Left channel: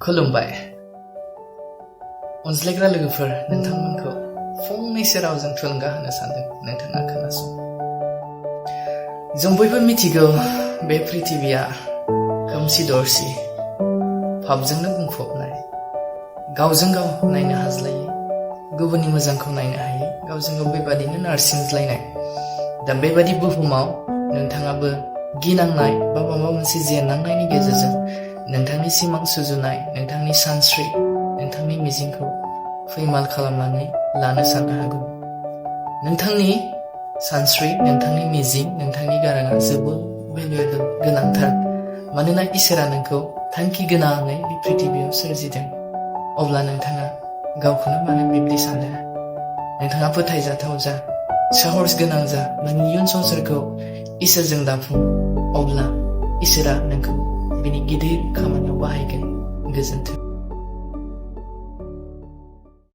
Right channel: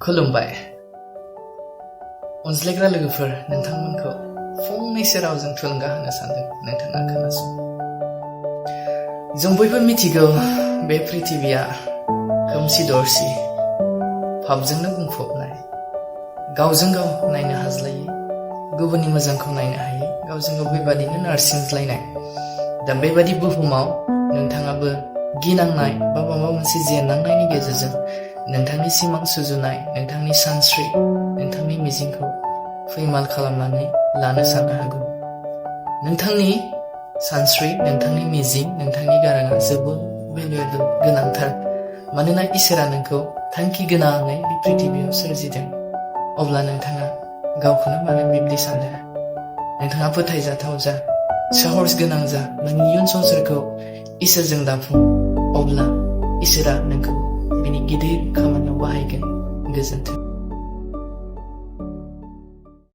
खुलुमबाय अनज्लायग्रा लोगोफोर नोंथांमोनखौ फंनैसो रावजों थुलुंगा होनो सानदों नोंथाङा खोनासं। जों बयबो मिथिगौ बे पृथिबिया खोमसि दरसि पापजोंनो बुंफबनाय, गावजों गाव नायनो हाज्लायै, गुबुननि मोजांखौ नायनो हायै, गावजों गाव बेबादिनो नारसिनज्लायनाय। दा बेबादि बुहुमाव नोंथाङाबो गिनांनाय बा माबा मोनसे जेननांनायनि गेजेरजों नोंथांनि सिमां सुजुनाय, नोंथांनि सानस्रि, नोंथांनि मिजिंखौ फैमाल खालामनानै लानो साननो हागौ। नोंथांनि सानस्रि, नोंथांनि मिजिं, नोंथांनि गाराङा जोबोद भेलुएबल, गोनांथार। मानोना इसोरा नोंखौ थांखि गोनाङै बे पृथिबियाव सोरजिदों। अब्ला नोंथाङा गावखौनो मानो बिब्दि सानदों? नोंथाङा फोथायजाथाव जा, साहस गोनां जा, नोंनि इयुन संसारखौ इसोरजों दाफुं। अब्ला इसोरा नोंखौ बिनि गिदिर खामानियाव बाहायगोन। गोजोन्थों।